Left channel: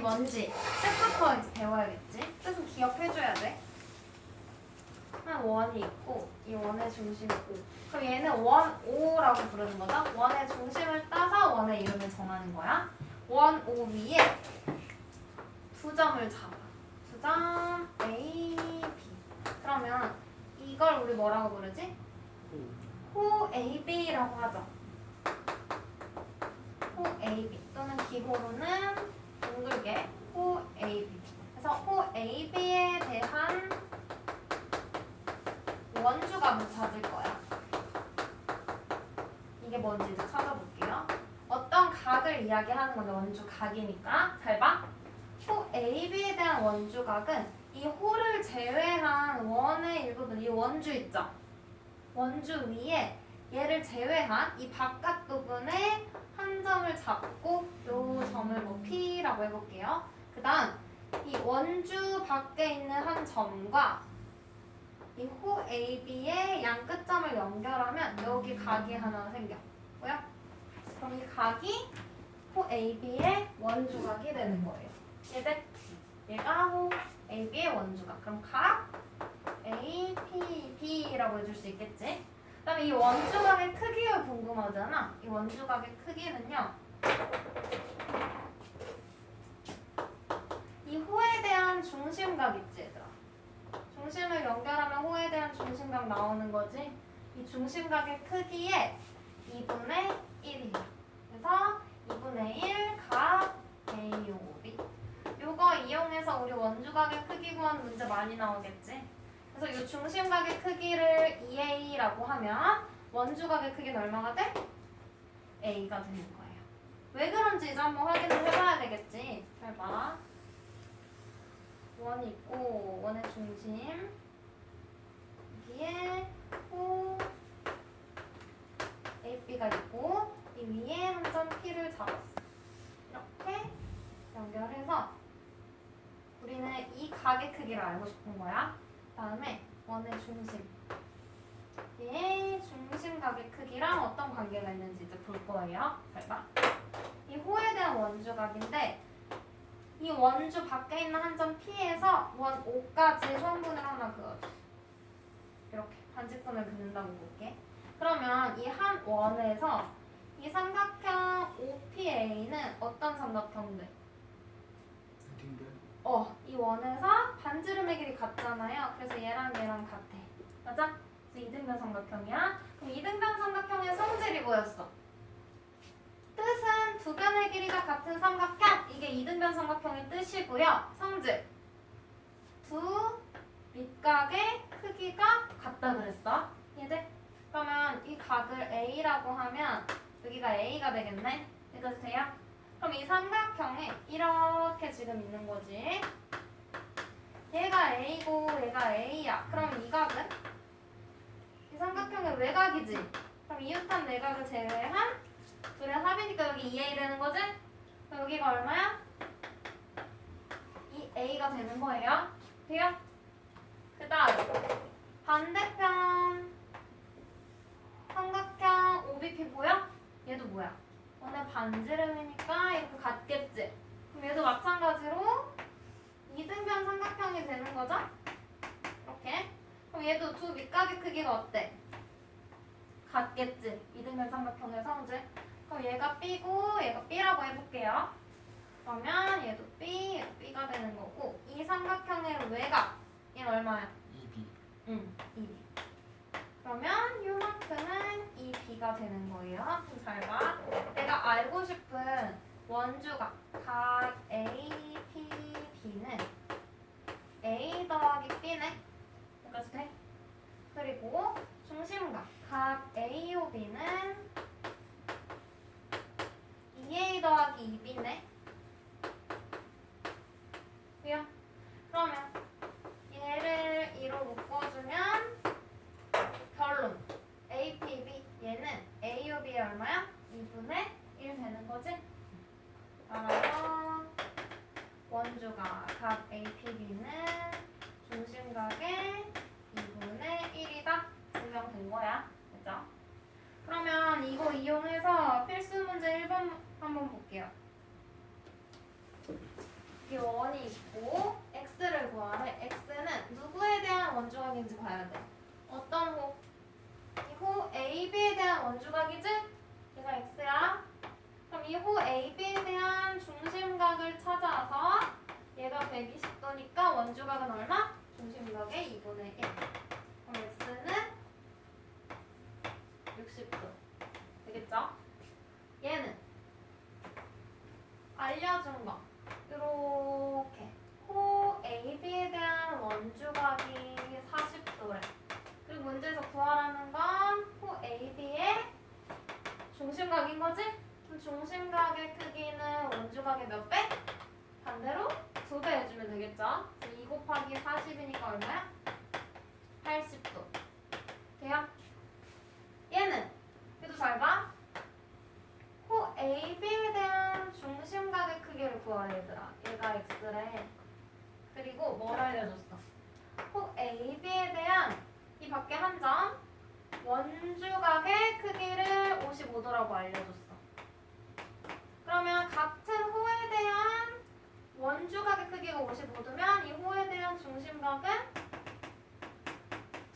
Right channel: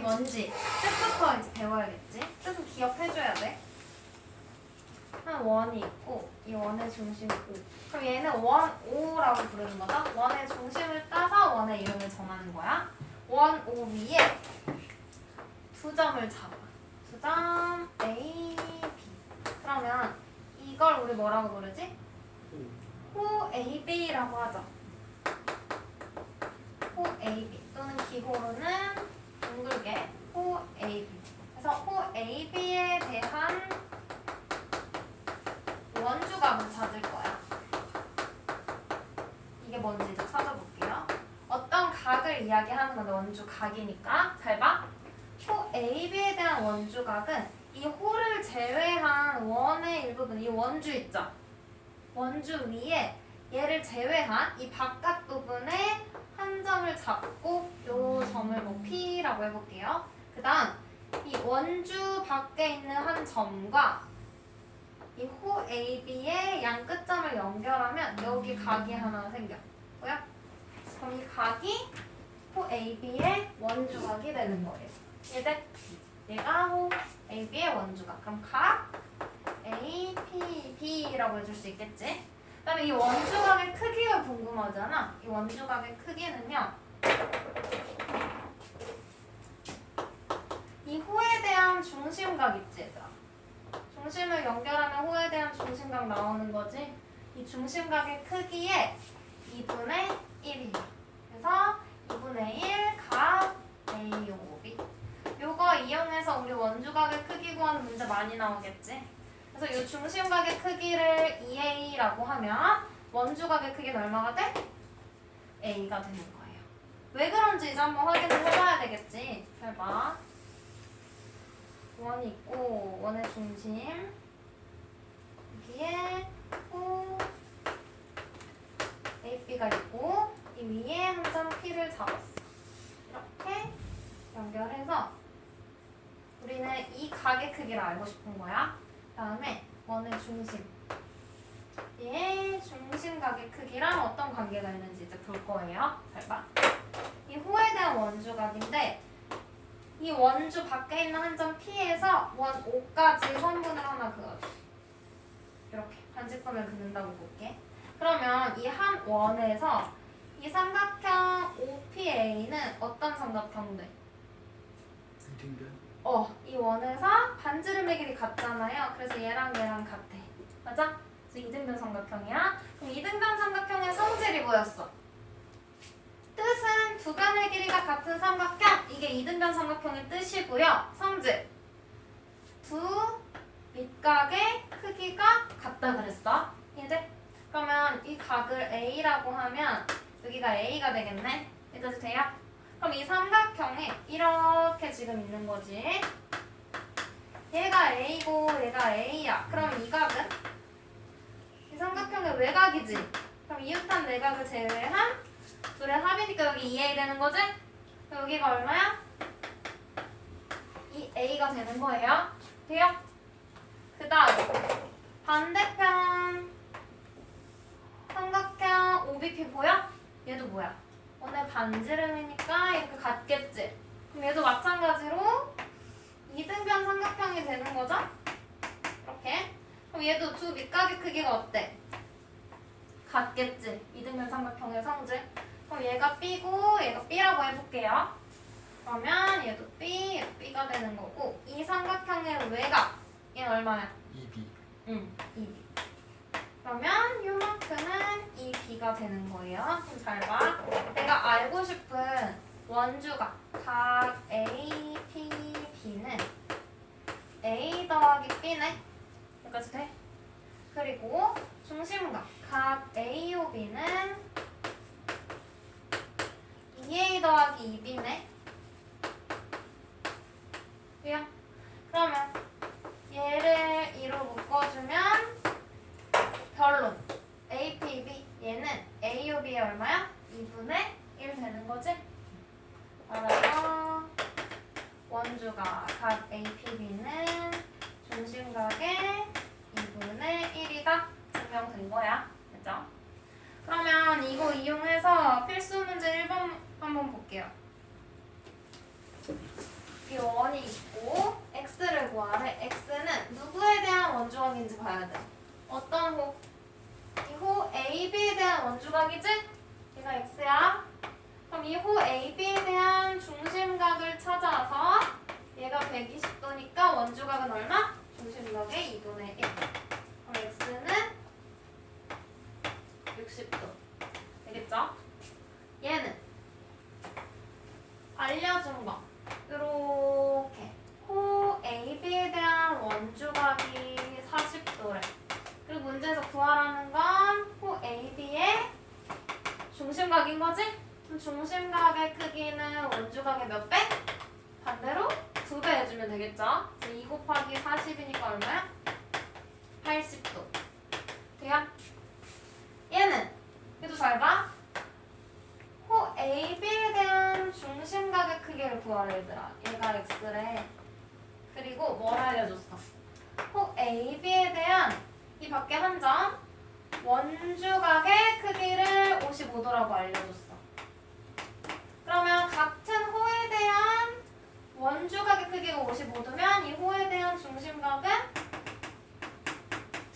뭔지 뜻부터 이제 배워야겠지? 뜻은 기억해줘야 돼. 한 원이 있고 이 원의 중심이 O. 그럼 얘는 원 O라고 부르는 거다. 원의 중심을 따서 원의 이름을 정하는 거야. 원 O 위에 두 점을 잡아. 두 점 A, B. 그러면 이걸 우리 뭐라고 부르지? 호 AB라고 하죠. 호 AB 또는 기호로는 둥글게 호 AB. 그래서 호 AB에 대한 원주각을 찾을 거야. 이게 뭔지 이제 찾아볼게요. 어떤 각을 이야기하는 건데 원주각이니까 잘 봐. 호 AB에 대한 원주각은 이 호를 제외한 원의 일부분, 이 원주 있죠? 원주 위에 얘를 제외한 이 바깥 부분에 한 점을 잡고 요 점을 뭐 P라고 해볼게요. 그 다음 이 원주 밖에 있는 한 점과 이 호 AB의 양 끝점을 연결하면 여기 각이 하나 생겨. 뭐야? 그럼 이 각이 호 AB의 원주각이 되는 거예요. 얘들 얘가 호 AB의 원주각. 그럼 각 A, P, B라고 해줄 수 있겠지? 그 다음에 이 원주각의 크기가 궁금하잖아. 이 원주각의 크기는요. 이 호에 대한 중심각 있지 얘들아. 중심을 연결하면 호에 대한 중심각 나오는 거지. 이 중심각의 크기의 2분의 1이야. 그래서 2분의 1 각 AOB. 요거 이용해서 우리 원주각의 크기 구하는 문제 많이 나오겠지. 그래서 이 중심각의 크기를 2A라고 하면 원주각의 크기는 얼마가 돼? A가 되는 거예요. 왜 그런지 이제 한번 확인을 해봐야 되겠지. 잘 봐. 원이 있고 원의 중심 여기에 호 AB가 있고 이 위에 한 점 P를 잡았어. 이렇게 연결해서 우리는 이 각의 크기를 알고 싶은 거야. 다음에 원의 중심 얘의 중심각의 크기랑 어떤 관계가 있는지 이제 볼 거예요. 잘 봐. 이 호에 대한 원주각인데 이 원주 밖에 있는 한 점 P에서 원 O까지 선분을 하나 그어줘. 이렇게 반직선을 그는다고 볼게. 그러면 이 한 원에서 이 삼각형 OPA는 어떤 삼각형 돼? 이 원에서 반지름의 길이 같잖아요. 그래서 얘랑 얘랑 같아. 맞아? 그래서 이등변 삼각형이야. 그럼 이등변 삼각형의 성질이 뭐였어? 뜻은 두 변의 길이가 같은 삼각형. 이게 이등변 삼각형의 뜻이고요. 성질. 두 밑각의 크기가 같다 그랬어. 얘들? 그러면 이 각을 A라고 하면 여기가 A가 되겠네. 이해도 돼요? 그럼 이 삼각형에 이렇게 지금 있는 거지. 얘가 A고 얘가 A야. 그럼 이 각은? 이 삼각형의 외곽이지. 그럼 이웃한 내각을 제외한 둘의 합이니까 여기 2A 되는 거지? 그럼 여기가 얼마야? 2A가 되는 거예요. 돼요? 그 다음 반대편 삼각형 OBP 보여? 얘도 뭐야? 원의 반지름이니까 이렇게 같겠지? 그럼 얘도 마찬가지로 이등변 삼각형이 되는 거죠? 이렇게. 그럼 얘도 두 밑각의 크기가 어때? 같겠지? 이등변 삼각형의 성질. 그럼 얘가 B고 얘가 B라고 해볼게요. 그러면 얘도 B, 얘도 B가 되는 거고 이 삼각형의 외곽 얘는 얼마야? 2B. 응, 2B. 그러면 요만큼은 이 B가 되는 거예요. 그럼 잘 봐. 내가 알고 싶은 원주각 각 A, P, B는 A 더하기 B네. 여기까지 돼? 그리고 중심각 각 A, O, B는 2A 더하기 2B네. 돼요? 그러면 얘를 2로 묶어주면 결론 APB 얘는 AOB의 얼마야? 2분의 1 되는 거지? 따라서 원주가 각 APB는 중심각의 2분의 1이다 증명된 거야. 그죠? 그러면 이거 이용해서 필수 문제 1번 한번 볼게요. 여기 원이 있고 x를 구하래. x는 누구에 대한 원주각인지 봐야 돼. 어떤 호? 이 호 AB에 대한 원주각이지? 얘가 x야. 그럼 이 호 AB에 대한 중심각을 찾아서 얘가 120도니까 원주각은 얼마? 중심각의 2분의 1. 그럼 x는 60도. 되겠죠? 얘는 알려준 거. 요렇게 호 AB에 대한 원주각이 40도래. 그리고 문제에서 구하라는 건 호 AB의 중심각인 거지? 그럼 중심각의 크기는 원주각의 몇 배? 반대로 2배 해주면 되겠죠? 2 곱하기 40이니까 얼마야? 80도. 돼요? 얘는 얘도 잘 봐. 호 AB에 대한 중심각의 크기를 구하래 얘들아. 얘가 x래. 그리고 뭘 알려줬어? 호 AB에 대한 이 밖에 한 점 원주각의 크기를 55도라고 알려줬어. 그러면 같은 호에 대한 원주각의 크기가 55도면 이 호에 대한 중심각은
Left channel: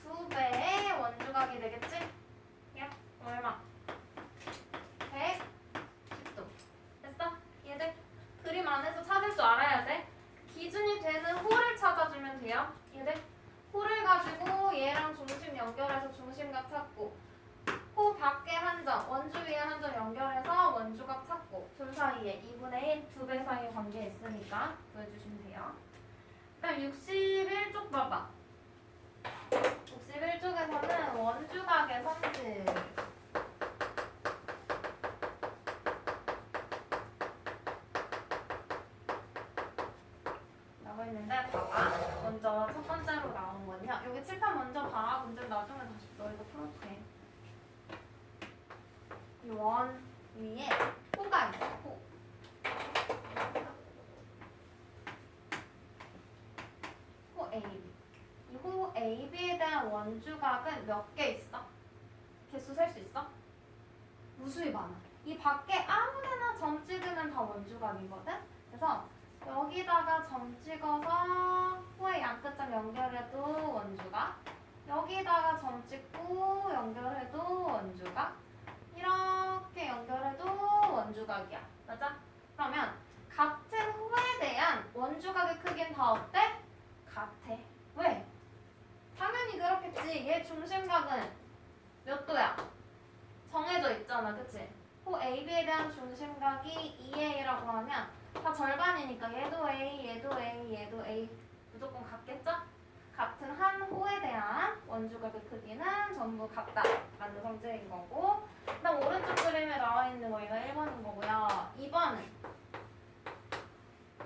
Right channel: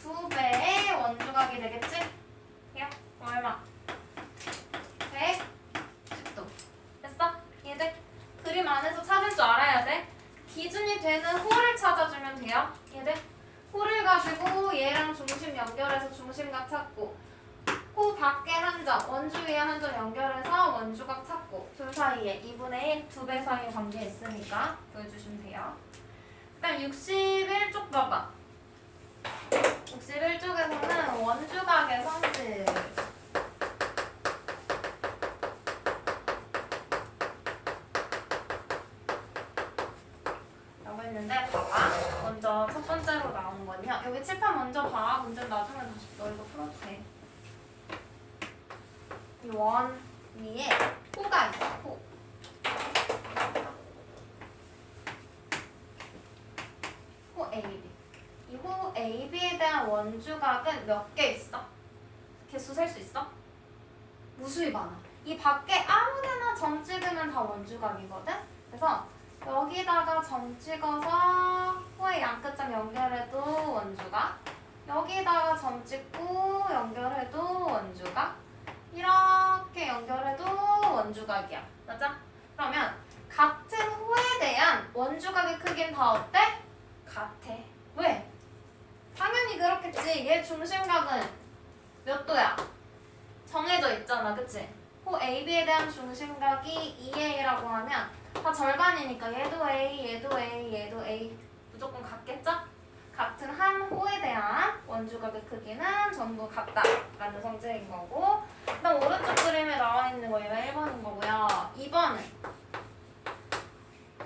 2배의 원주각이 되겠지? 야, 얼마? 110도. 됐어? 이해돼? 그림 안에서 찾을 줄 알아야 돼. 기준이 되는 호를 찾아주면 돼요. 이해돼? 호를 가지고 얘랑 중심 연결해서 중심각 찾고, 호 밖에 한 점, 원주 위에 한 점 연결해서 원주각 찾고, 둘 사이에 2분의 1, 2배 사이 관계 있으니까 구해주시면 돼요. 그 다음 61쪽 봐봐. 61쪽에서는 원주각의 성질 라고 했는데, 봐봐. 먼저 첫 번째로 나온 거는요. 여기 칠판 먼저 봐. 문제는 나중에 다시 너 이거 풀어도 돼. 이 원 위에 호가 있어. 호. 호 AB. 이 호 AB에 대한 원주각은 몇 개 있어? 개수 셀 수 있어? 무수히 많아. 이 밖에 아무데나 점 찍으면 다 원주각이거든? 그래서 여기다가 점 찍어서 호의 양끝점 연결해도 원주각, 여기다가 점 찍고 연결해도 원주각, 이렇게 연결해도 원주각이야. 맞아? 그러면 같은 호에 대한 원주각의 크기는 다 어때? 같아. 왜? 당연히 그렇겠지. 얘 중심각은 몇 도야? 정해져 있잖아. 그치? 호 AB에 대한 중심각이 2A라고 하면 다 절반이니까 얘도 A, 얘도 A, 얘도 A 무조건 같겠죠? 같은 한 호에 대한 원주각의 크기는 전부 같다라는 성질인 거고, 그다음 오른쪽 그림에 나와 있는 거 얘가 1번인 거고요. 2번은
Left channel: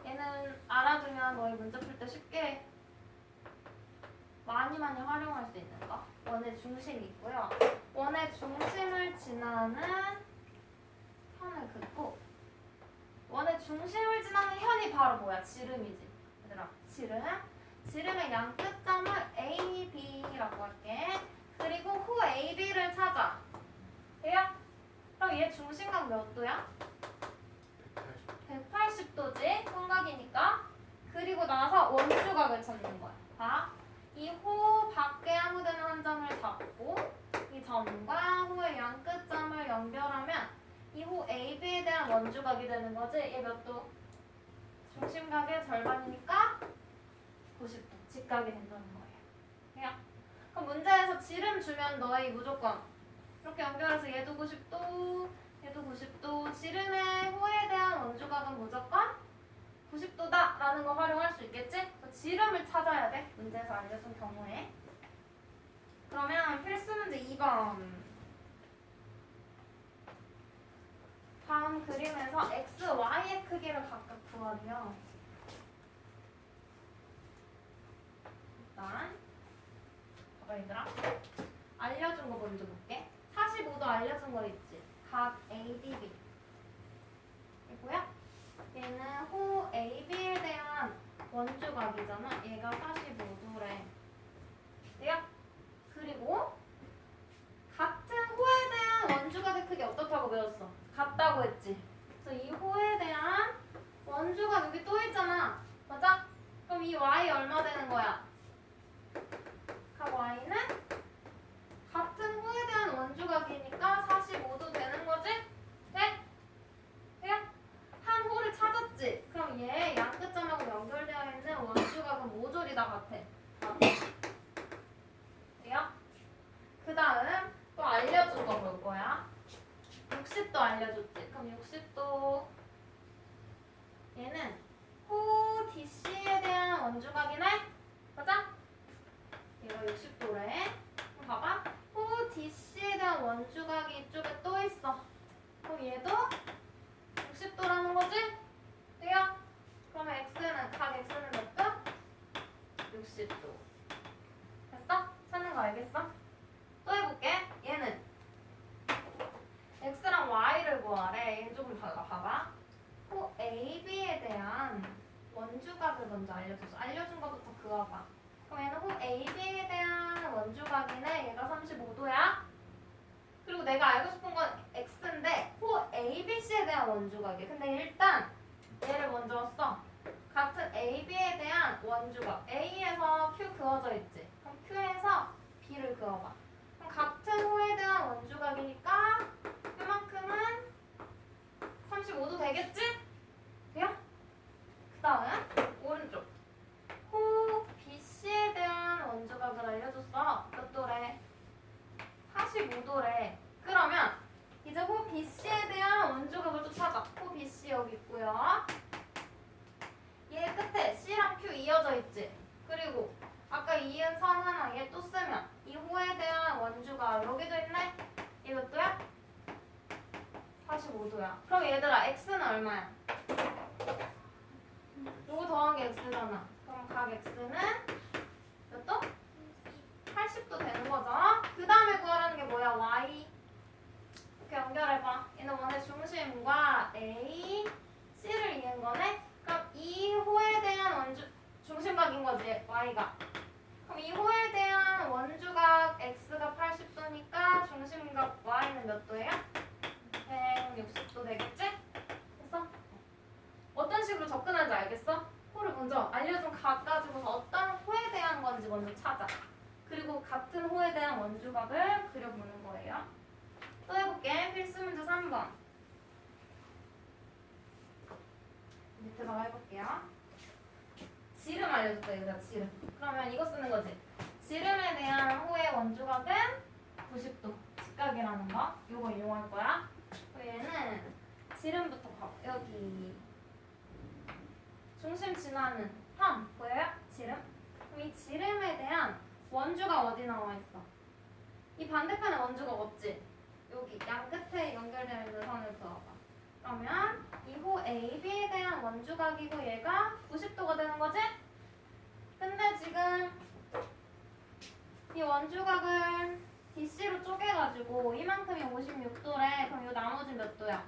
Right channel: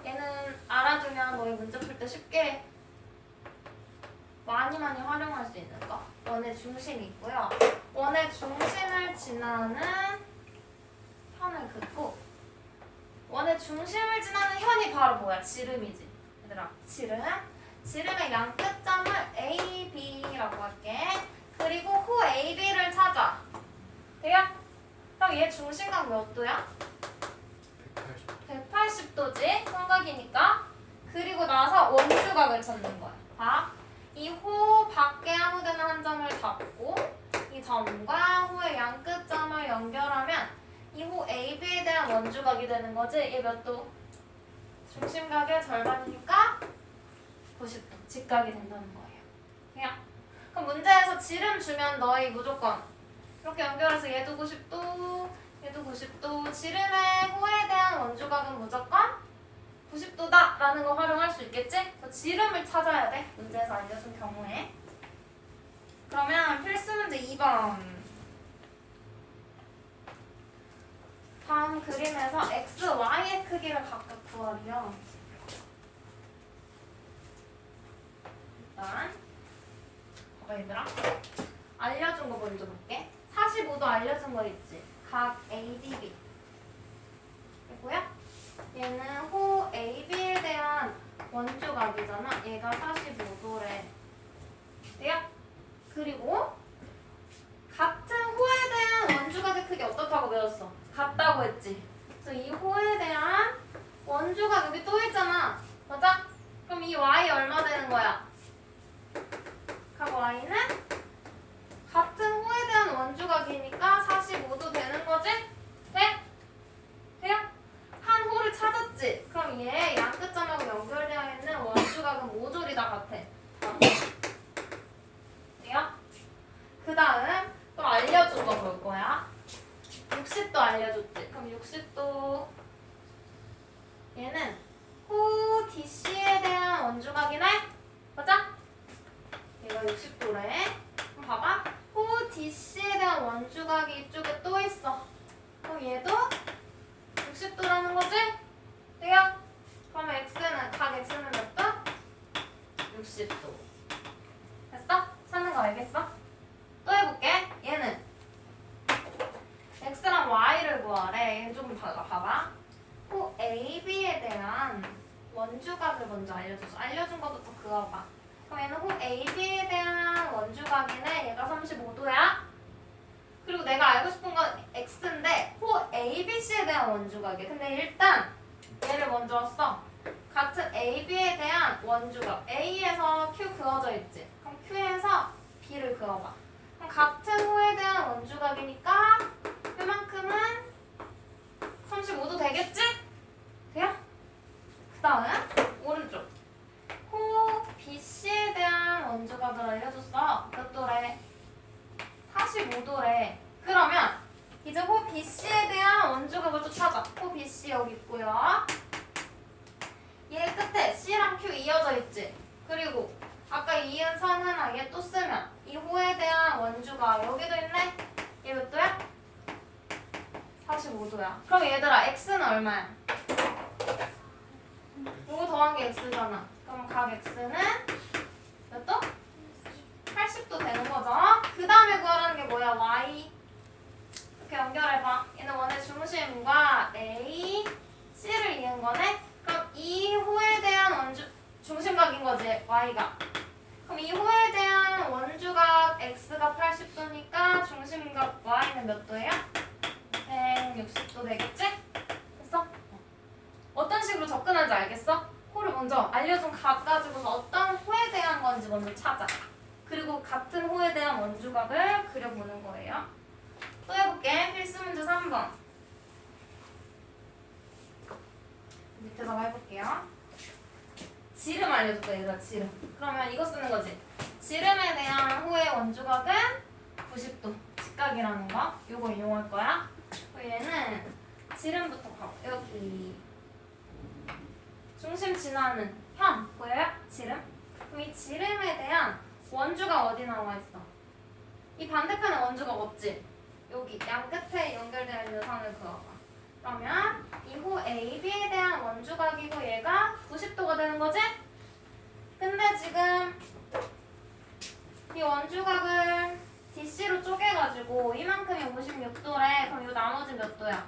얘는 알아두면 너희 문제 풀 때 쉽게 많이 활용할 수 있는 거. 원의 중심이 있고요. 원의 중심을 지나는 현을 긋고, 원의 중심을 지나는 현이 바로 뭐야? 지름이지. 얘들아, 지름의 양끝점을 A, B라고 할게. 그리고 호 A, B를 찾아. 돼요? 그럼 얘 중심각 몇 도야? 180도지? 삼각이니까. 그리고 나서 원주각을 찾는 거야. 봐. 이 호 밖에 아무데나 한 점을 잡고 이 점과 호의 양끝점을 연결하면 이 호 AB에 대한 원주각이 되는 거지. 얘 몇 도? 중심각의 절반이니까 90도. 직각이 된다는 거예요. 그냥. 그럼 문제에서 지름 주면 너희 무조건 이렇게 연결해서 얘도 90도, 얘도 90도. 지름의 호에 대한 원주각은 무조건 90도다 라는 거 활용할 수 있겠지? 그래서 지름을 찾아야 돼. 문제에서 알려준 경우에. 그러면 필수 문제 2번. 다음 그림에서 x, y의 크기를 각각 구하래요. 일단 봐봐 얘들아. 알려준 거 먼저 볼게. 45도 알려준 거 있지? 각 ADB 이고요. 얘는 호 AB에 대한 원주각이잖아. 얘가 45도래. 돼요? 그리고 같은 호에 대한 원주각의 크기 어떻다고 배웠어? 같다고 했지. 그래서 이 호에 대한 원주각 여기 또 있잖아. y는 같은 호에 대한 원주각이니까 45도 되는 거지? 돼? 돼요? 한 호를 찾았지? 그럼 얘 양끝점하고 연결되어 있는 원주각은 모조리 다 같아. 돼요? 그 다음 또 알려준 거 볼 거야. 60도 알려줬지? 그럼 60도 얘는 호 DC에 대한 원주각이네? 맞아? 얘가 60도래. 그럼 봐봐. 호 DC에 대한 원주각이 이쪽에 또 있어. 그럼 얘도 60도라는 거지? 돼요? 그러면 X는, 각 X는 몇 도? 60도. 됐어? 찾는 거 알겠어? 또 해볼게. 얘는 X랑 Y를 구하래. 얘는 조금 달라. 봐봐. 호 AB에 대한 원주각을 먼저 알려줘서 알려준 것부터 그어봐. 그럼 얘는 호 AB에 대한 원주각이네. 얘가 35도야. 그리고 내가 알고 싶은 건 X인데 호 ABC에 대한 원주각이야. 근데 일단 얘를 먼저 써. 같은 AB에 대한 원주각. A에서 Q 그어져 있지. 그럼 Q에서 B를 그어봐. 그럼 같은 호에 대한 원주각이니까 그만큼은 35도 되겠지? 돼요? 그 다음 오른쪽 호 BC에 대한 원주각을 알려줬어. 몇 도래? 45도래. 그러면 이제 호 BC에 대한 원주각을 또 찾아. 호 BC 여기 있고요. 얘 끝에 C랑 Q 이어져 있지. 그리고 아까 이은 선은 아예 또 쓰면 이 호에 대한 원주각 여기도 있네. 얘 몇 도야? 45도야. 그럼 얘들아 X는 얼마야? 요거 더한 게 X잖아. 그럼 각 X는 몇 도? 80도 되는 거죠. 그 다음에 구하라는 게 뭐야? Y. 이렇게 연결해봐. 얘는 원의 중심과 A, C를 이은 거네. 그럼 이 호에 대한 중심각인 거지, Y가. 그럼 이 호에 대한 원주각 X가 80도니까 중심각 Y는 몇 도예요? 160도 되겠지? 됐어? 어떤 식으로 접근하는지 알겠어? 호를 먼저 알려준 각 가지고서 어떤 호에 대한 건지 먼저 찾아. 그리고 같은 호에 대한 원주각을 그려보는 거예요. 또 해볼게. 필수 문제 3번. 밑에서 해볼게요. 지름 알려줬다 얘들아. 지름. 그러면 이거 쓰는 거지. 지름에 대한 호의 원주각은 90도. 직각이라는 거. 요거 이용할 거야. 얘는 지름부터 봐. 여기 중심 지나는 편 보여요? 지름? 그럼 이 지름에 대한 원주각 어디 나와 있어? 이 반대편에 원주각 없지? 여기 양 끝에 연결되어 있는 선을 그어봐. 그러면 이 호 AB에 대한 원주각이고 얘가 90도가 되는 거지? 근데 지금 이 원주각을 DC로 쪼개가지고 이만큼이 56도래. 그럼 이 나머지 몇 도야?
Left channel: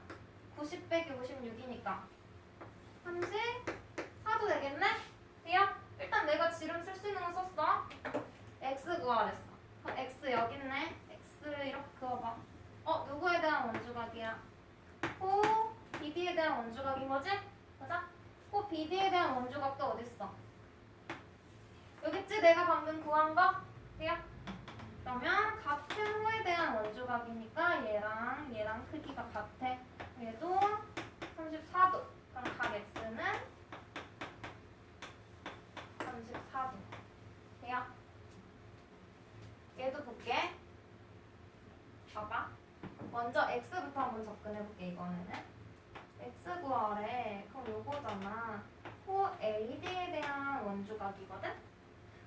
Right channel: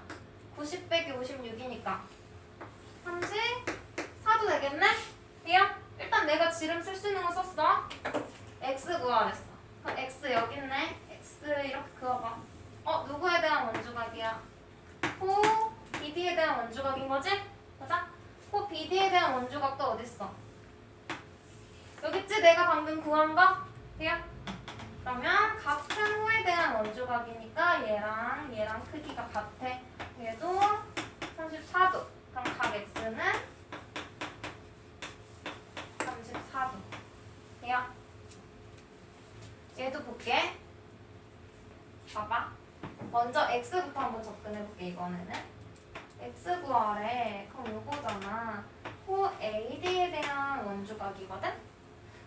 90 빼기 56이니까 34도 되겠네? 돼요? 일단 내가 지름 쓸 수 있는 거 썼어. X 구하랬어. 그럼 X 여기 있네. X를 이렇게 그어봐. 누구에 대한 원주각이야? 호 BD에 대한 원주각인 거지? 맞아? 호 BD에 대한 원주각도 어딨어? 여기 있지? 내가 방금 구한 거? 돼요? 그러면 같은 호에 대한 원주각이니까 얘랑 크기가 같아. 얘도 34도. 그럼 각 X는 34도. 돼요? 얘도 볼게. 봐봐. 먼저 X부터 한번 접근해볼게. 이번에는 X 구하래. 그럼 요거잖아. 호 AD에 대한 원주각이거든?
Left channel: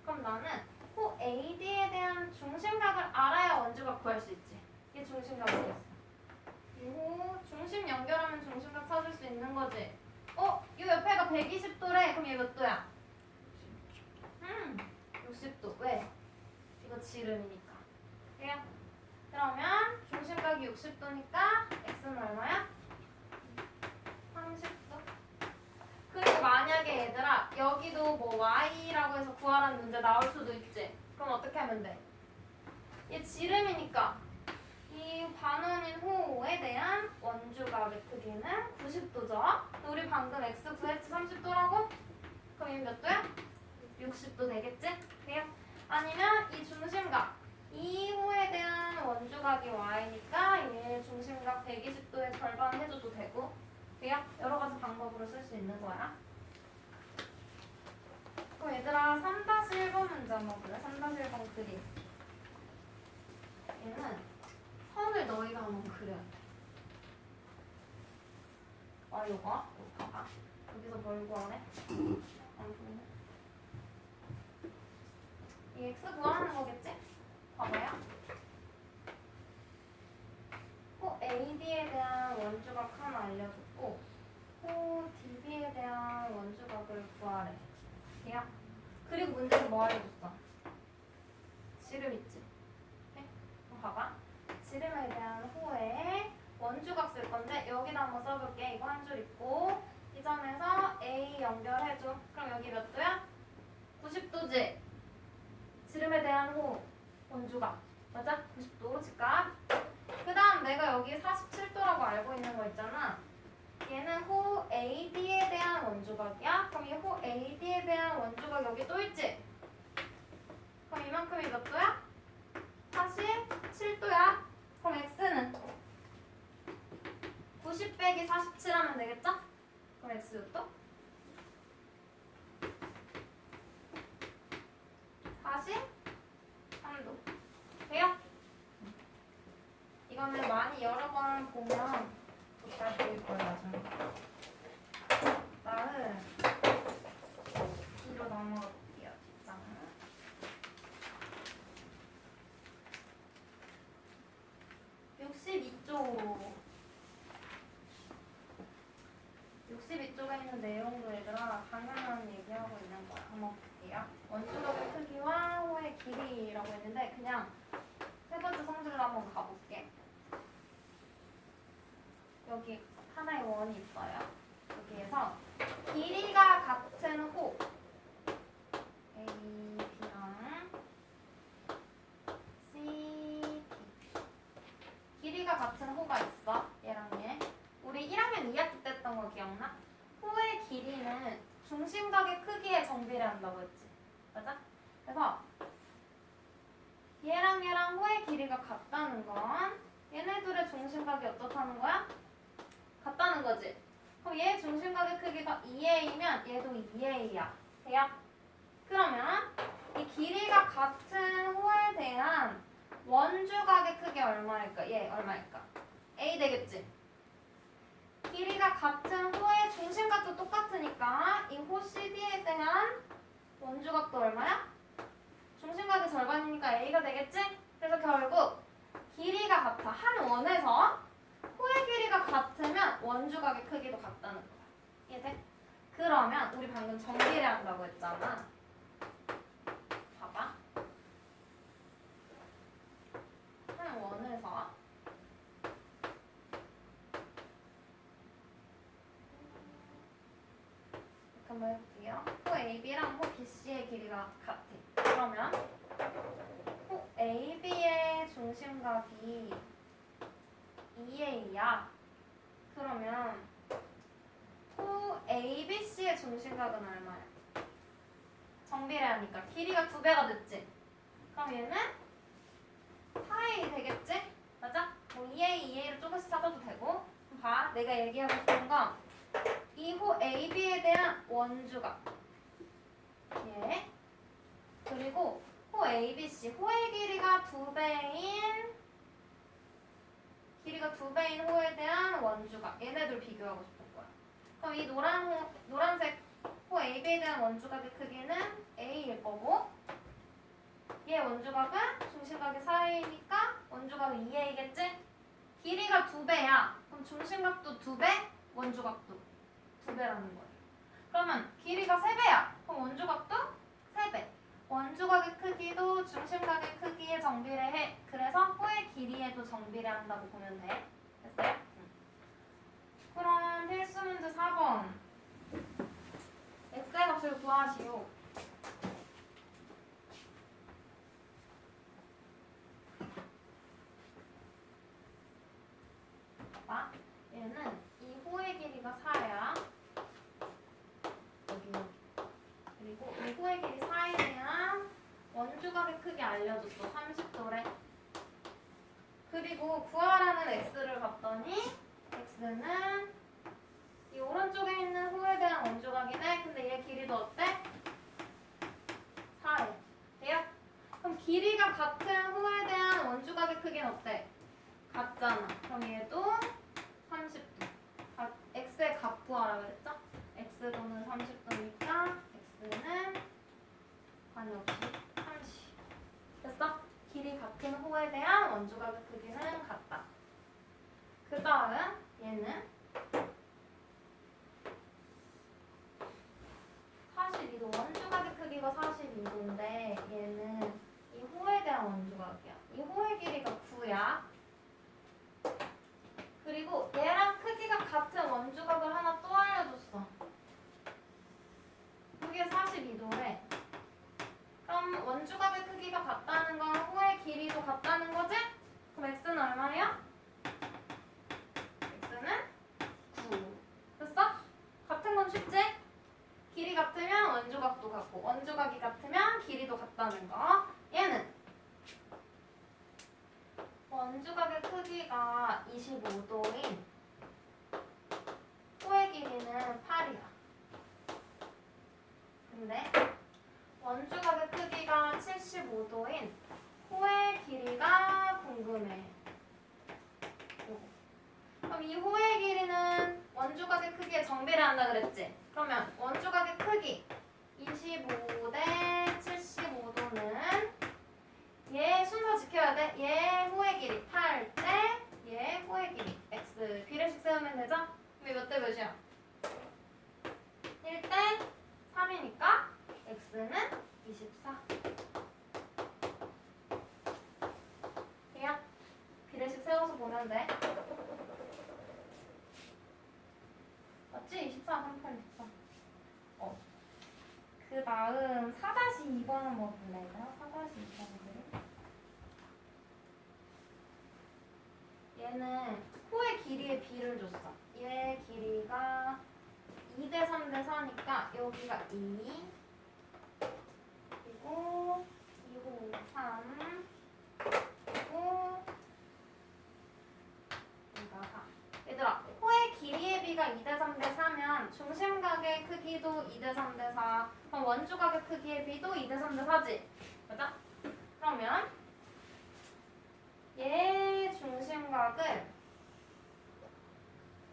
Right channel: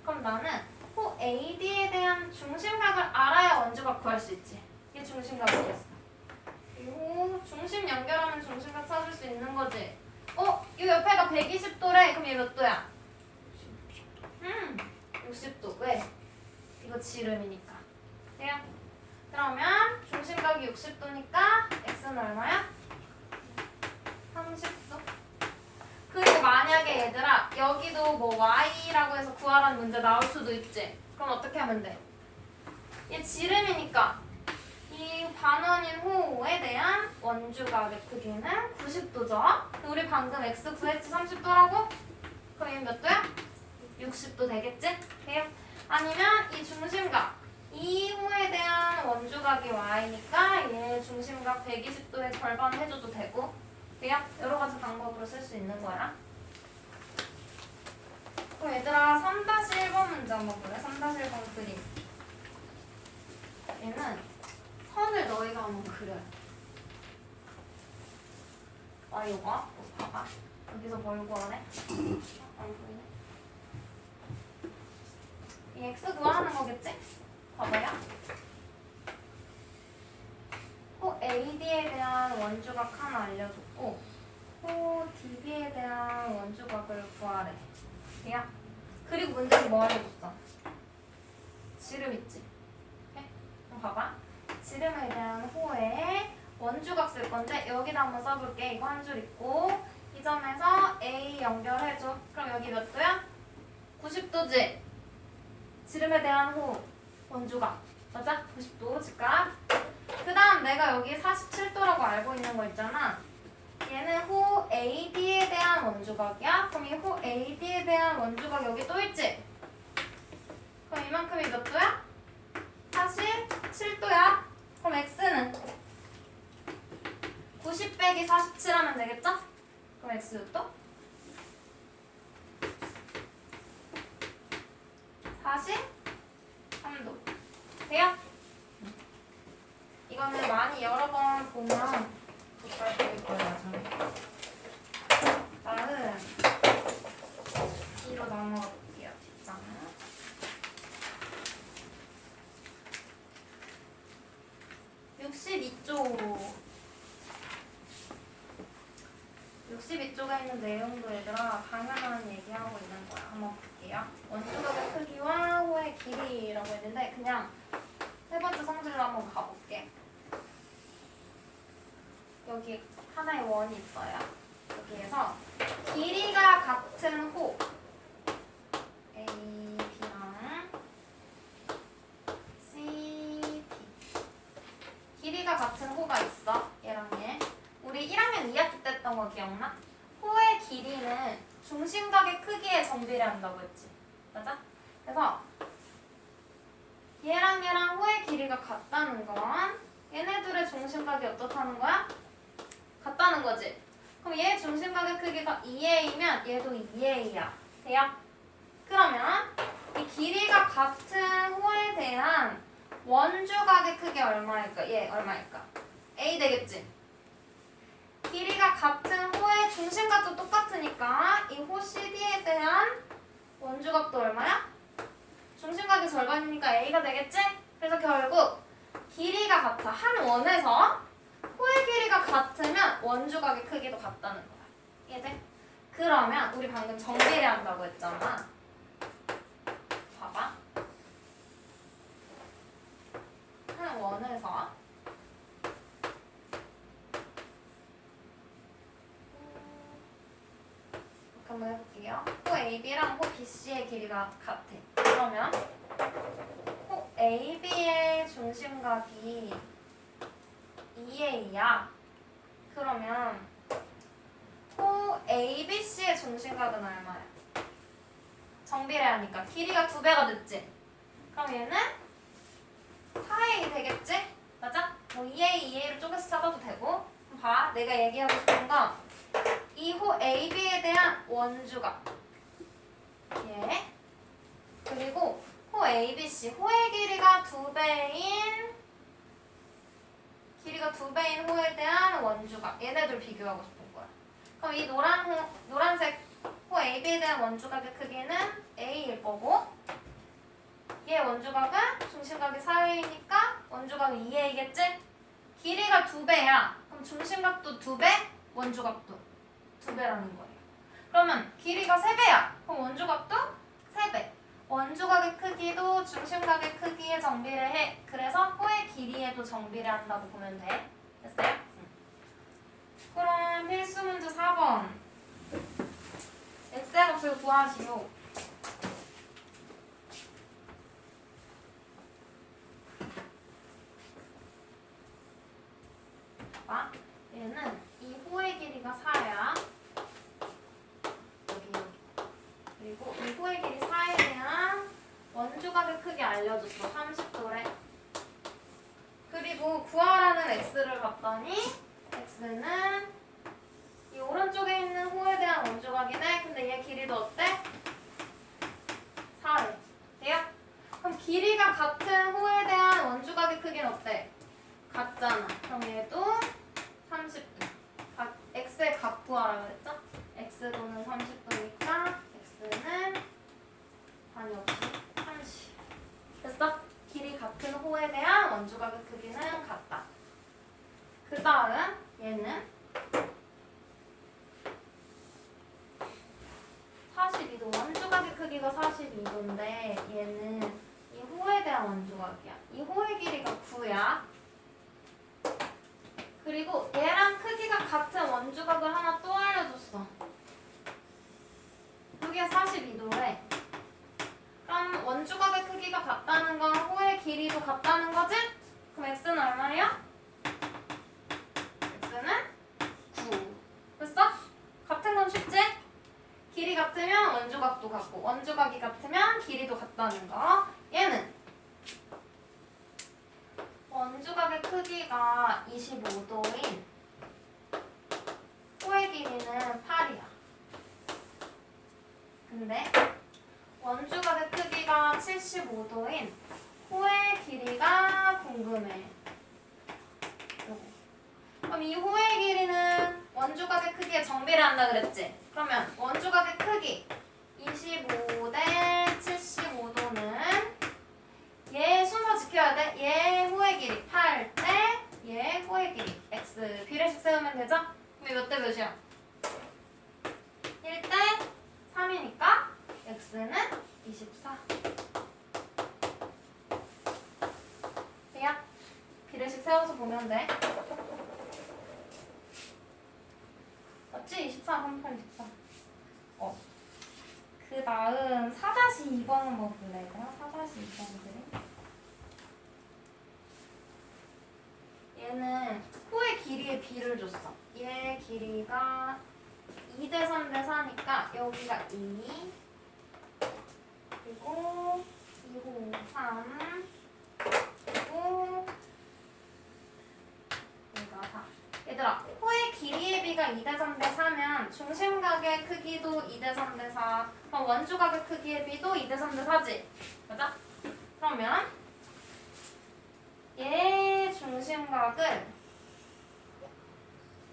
그럼 나는 호 AD에 대한 중심각을 알아야 원주각 구할 수 있지. 이게 중심각이겠어. 요 중심 연결하면 중심각 찾을 수 있는 거지. 이 옆에가 120도래. 그럼 얘 몇 도야? 60도. 왜? 이거 지름이니까. 돼요? 그러면 중심각이 60도니까 X는 얼마야? 30도. 그리고 만약에 얘들아 여기도 뭐 Y라고 해서 구하라는 문제 나올 수도 있지. 그럼 어떻게 하면 돼? 얘 지름이니까 이 반원인 호에 대한 원주각의 크기는 90도죠. 우리 방금 X 구했지 30도라고? 그럼 얘 몇 도야? 60도 되겠지? 돼요? 아니면 이 중심각 중심각이 y니까 얘 중심각 120도의 절반 해줘도 되고 돼요? 여러 가지 방법으로 쓸 수 있는 거야. 그럼 얘들아 3-1번 문제 한번 볼래? 3-1번 그림. 얘는 선을 너희가 한번 그려야 돼. 이거 봐봐. 여기서 뭘 구하래? 안 보이네. 이 x 구하는 거겠지? 봐봐요. AD에 대한 원주각 하나 알려줬고 DB에 대한 원주각을 구하래. 돼요? 그리고 문제에서 뭐 알려줬어? 지름 있지? 네? 그럼 봐봐. 지름에 대한 호에 원주각 쓸 건데 여기다 한번 써볼게. 이거 한 줄 있고 이 점에서 A 연결해줘. 그럼 여기 몇 도야? 90도지? 지름에 대한 호 원주각 맞아? 90도 직각. 그 다음 내가 여기 47도라고 알고 있는 거 있잖아. 얘는 호 AD에 대한 원주각이야. 그럼 이 호 AD에 대한 원주각 여기 또 있지? 그럼 이만큼이 몇 도야? 47도야. 그럼 X는 90 빼기 47 하면 되겠죠? 그럼 X 몇 도? 43도. 돼요? 이거는 많이 여러 번 보면 잘 보일 거예요, 나중에. 나는 뒤로 넘어갈게요, 뒷장은. 62쪽. 62쪽에 있는 내용도 얘들아 당연한 얘기하고 있는 거야. 한번 볼게요. 원주각의 크기와 호의 길이라고 했는데 그냥 세 번째 성질로 한번 가볼게. 여기 하나의 원이 있어요. 여기에서 길이가 같은 호 A, B랑 C, D 길이가 같은 호가 있어. 얘랑 얘. 우리 1학년 2학기 때 했던 거 기억나? 호의 길이는 중심각의 크기에 정비례한다고 했지. 맞아? 그래서 얘랑 호의 길이가 같다는 건 얘네들의 중심각이 어떻다는 거야? 같다는 거지. 그럼 얘 중심각의 크기가 2A면 얘도 2A야. 돼요? 그러면 이 길이가 같은 호에 대한 원주각의 크기 얼마일까? 얘 얼마일까? A 되겠지? 길이가 같은 호의 중심각도 똑같으니까 이 호 CD에 대한 원주각도 얼마야? 중심각의 절반이니까 A가 되겠지? 그래서 결국 길이가 같아. 한 원에서 호의 길이가 같으면 원주각의 크기도 같다는 거야. 이해돼? 그러면 우리 방금 정비례한다고 했잖아. 봐봐. 한 원에서 한번 해볼게요. 호 AB랑 호 BC의 길이가 같아. 그러면 호 AB의 중심각이 2A야. 그러면 호 ABC의 중심각은 얼마야? 정비례하니까 길이가 2배가 됐지? 그럼 얘는 4A 되겠지? 맞아? 뭐 2A, 2A를 쪼개서 찾아도 되고. 그럼 봐. 내가 얘기하고 싶은 건 이 호 AB에 대한 원주각 예. 그리고 호 ABC 호의 길이가 2배인 호에 대한 원주각 얘네들 비교하고 싶은 거야. 그럼 이 노란색 호 AB에 대한 원주각의 크기는 A일 거고 얘 원주각은 중심각이 4A니까 원주각은 2A겠지? 길이가 2배야. 그럼 중심각도 2배, 원주각도 2배라는 거예요. 그러면 길이가 3배야. 그럼 원주각도 3배. 원주각의 크기도 중심각의 크기에 정비례해. 그래서 호의 길이에도 정비례한다고 보면 돼. 됐어요? 그럼 필수 문제 4번. x의 값을 구하시오. 봐. 얘는 이 호의 길이가 4야. 여기. 그리고 이 호의 길이 4에 대한 원주각의 크기 알려줬어. 30도래. 그리고 구하라는 x를 봤더니 x는 이 오른쪽에 있는 호에 대한 원조각이네. 근데 얘 길이도 어때? 4래. 돼요? 그럼 길이가 같은 호에 대한 원조각의 크기는 어때? 같잖아. 그럼 얘도 30도. x의 각 구하라 그랬죠? x도는 30도니까 x는 아니 없지 30. 됐어? 길이 같은 호에 대한 원조각의 크기는 같다. 그 다음 얘는 42도. 원조각의 크기가 42도인데 얘는 이 호에 대한 원조각이야. 이 호의 길이가 9야. 그리고 얘랑 크기가 같은 원조각을 하나 또 알려줬어. 그게 42도래. 그럼 원조각의 크기가 같다는 건 호의 길이도 같다는 거지? 그럼 x는 얼마예요? x는 9. 됐어? 같은 건 쉽지? 길이 같으면 원조각도 같고 원조각이 같으면 길이도 같다는 거. 얘는 원조각의 크기가 25도인 호의 길이는 8이야. 근데 원조각의 크기가 75도인 호의 길이가 궁금해. 요거. 그럼 이 호의 길이는 원조각의 크기에 정비를 한다 그랬지? 그러면 원조각의 크기 25 대 75도는 얘 순서 지켜야 돼. 얘 호의 길이 8 대 얘 호의 길이 x. 비례식 세우면 되죠? 그럼 몇 대 몇이야? 1 대 3이니까 x는 24. 돼요? 비례식 세워서 보면 돼. 맞지? 24, 38, 24. 그 다음 4-2번은 뭐 볼래? 4-2번은 얘는 호의 길이의 비를 줬어. 얘 길이가 2대 3대 4니까 여기가 2 그리고 2호 3 그리고 여기가 4. 얘들아, 호의 길이의 비가 2대 3대 4면 중심각의 크기도 2대 3대 4. 그럼 원조각의 크기의 비도 2대 3대 4지? 맞아? 그러면 얘 중심각을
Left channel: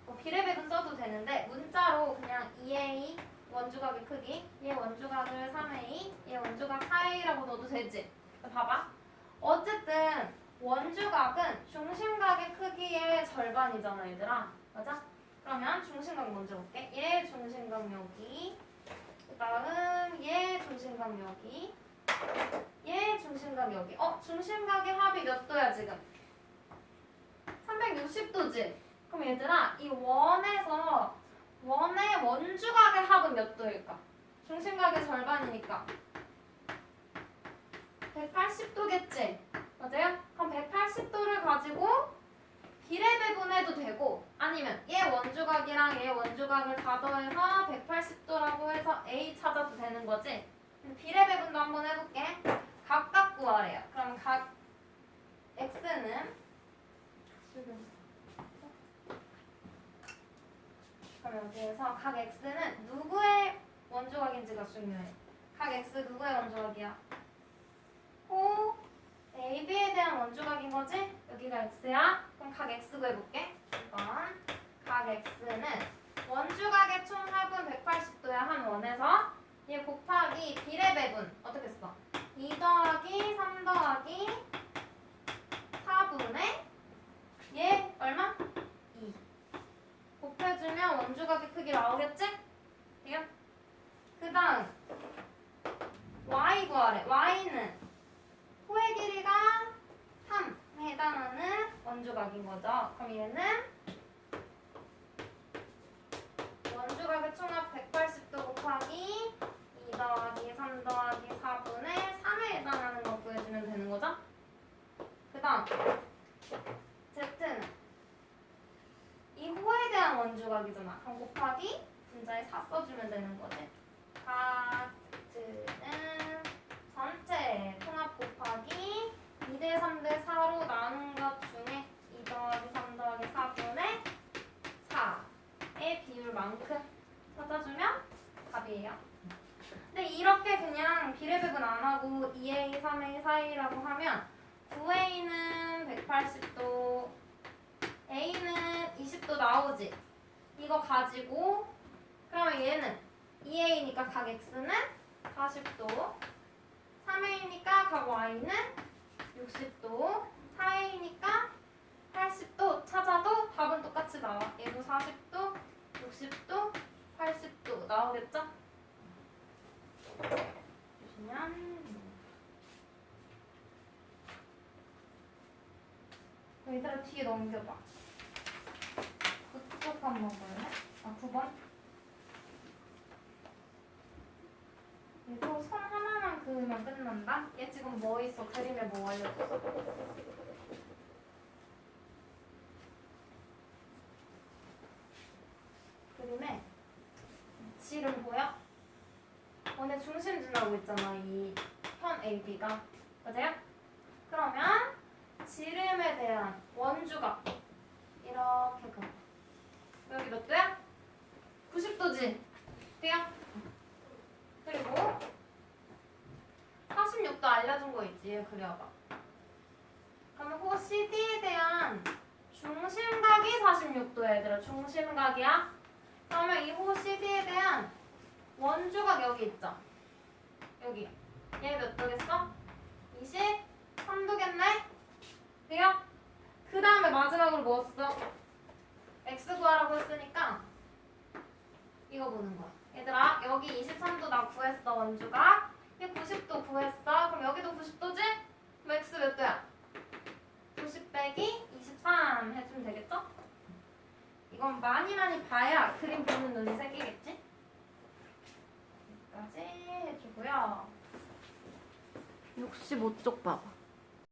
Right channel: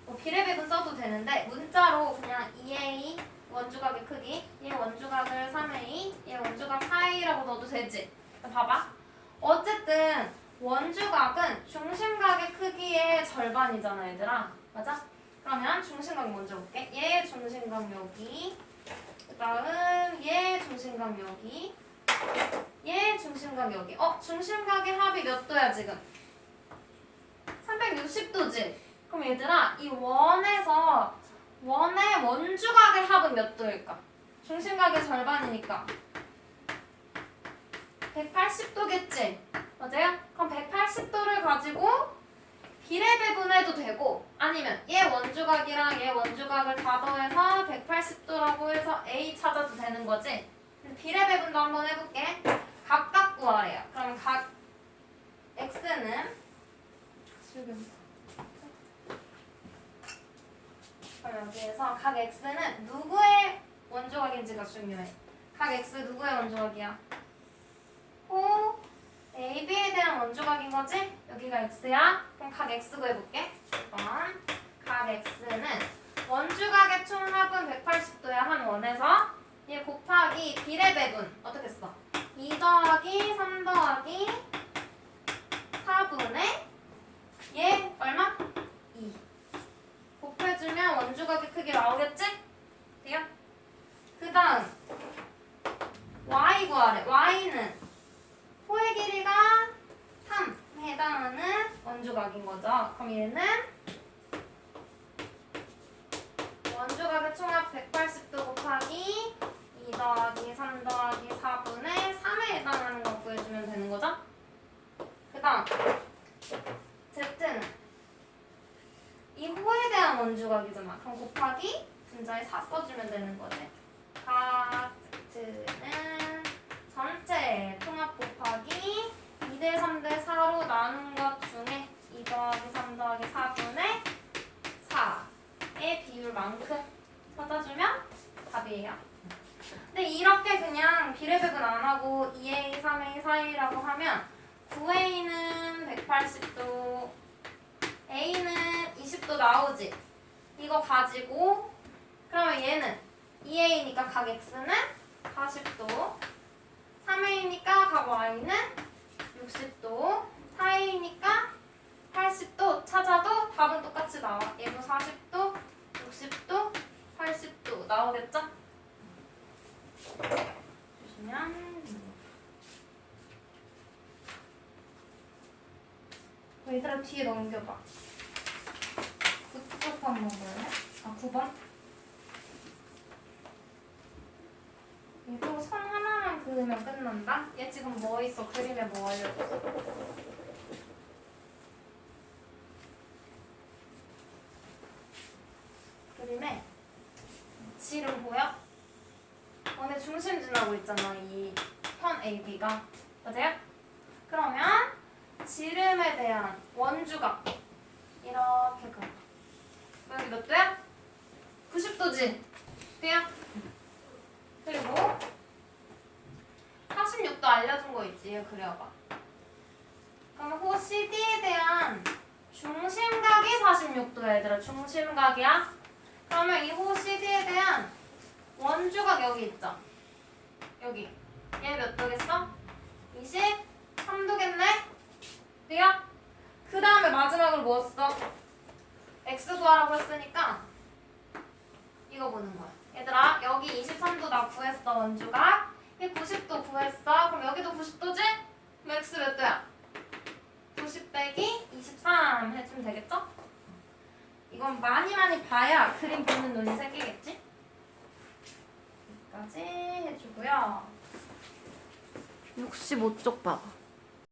뭐 비례배분 써도 되는데 문자로 그냥 2a 원조각의 크기, 얘 원조각을 3a, 얘 원조각 4a라고 넣어도 되지? 봐봐. 어쨌든 원조각은 중심각의 크기의 절반이잖아, 얘들아. 맞아? 그러면 중심각 먼저 볼게. 얘 중심각 여기, 그 다음 얘 중심각 여기, 얘 중심각 여기. 중심각의 합이 몇 도야 지금? 360도지? 그럼 얘들아, 이 원에서 원의 원조각의 합은 몇 도일까? 중심각의 절반이니까 180도겠지? 맞아요? 그럼 180도를 가지고 비례배분해도 되고 아니면 얘 원조각이랑 얘 원조각을 다 더해서 180도라고 해서 A 찾아도 되는 거지? 비례배분도 한번 해볼게. 각각 구하래요. 그럼 각 X는 그럼 여기에서 각 X는 누구의 원조각인지가 중요해. 각 X 누구의 원조각이야? 호 AB에 대한 원조각인 거지? 여기가 X야? 그럼 각 X 구해볼게. 1번 각 X는 원조각의 총합은 180도야. 한 원에서 얘 곱하기 비례배분 어떻게 써? 2 더하기 3 더하기 4분의 얘 얼마? 2 곱해주면 원조각의 크기 나오겠지? 돼요? 그 다음 Y 구하래. Y는 호의 길이가 3에 해당하는 원조각인 거죠. 그럼 얘는 원조각의 총합 180도 곱하기 2 더하기 3 더하기 4분의 3에 해당하는 거 구해주면 되는 거죠. 그 다음 Z는 이 호에 대한 원조각이잖아. 그럼 곱하기 분자에 4 써주면 되는 거지. 각 Z는 전체 통합 곱하기 2대 3대 4로 나눈 것 중에 2하고 2A, 3A 사이라고 하면 9A는 180도, A는 20도 나오지. 이거 가지고 그러면 얘는 2A니까 각 X는 40도, 3A니까 각 Y는 60도, 4A니까 80도 찾아도 답은 똑같이 나와. 얘도 40도, 60도, 80도 나오겠죠? 보시면 얘들아 뒤에 넘겨봐. 그쪽 한 먹어요? 아 9번? 얘도 선 하나만 그으면 끝난다? 얘 지금 뭐 있어? 그림에 뭐 알려줘? 그림에 지름 보여? 원의 중심 지나고 있잖아. 이 편 AB가. 맞아요? 그러면 지름에 대한 원주각 이렇게 그려. 여기 몇 도야? 90도지? 돼요? 그리고 46도 알려준 거 있지? 그려봐. 그러면 호 CD에 대한 중심각이 46도야 얘들아. 중심각이야. 그러면 이 호 CD에 대한 원주각 여기 있죠? 여기. 얘 몇 도겠어? 23도겠네? 돼요? 그 다음에 마지막으로 뭐 써? X 구하라고 했으니까 이거 보는 거야. 얘들아 여기 23도 나 구했어 원주각. 얘 90도 구했어. 그럼 여기도 90도지? 그럼 X 몇 도야? 90 빼기 23 해주면 되겠죠? 이건 많이 봐야 그림 보는 눈이 생기겠지? 여기까지 해주고요. 65쪽 봐봐.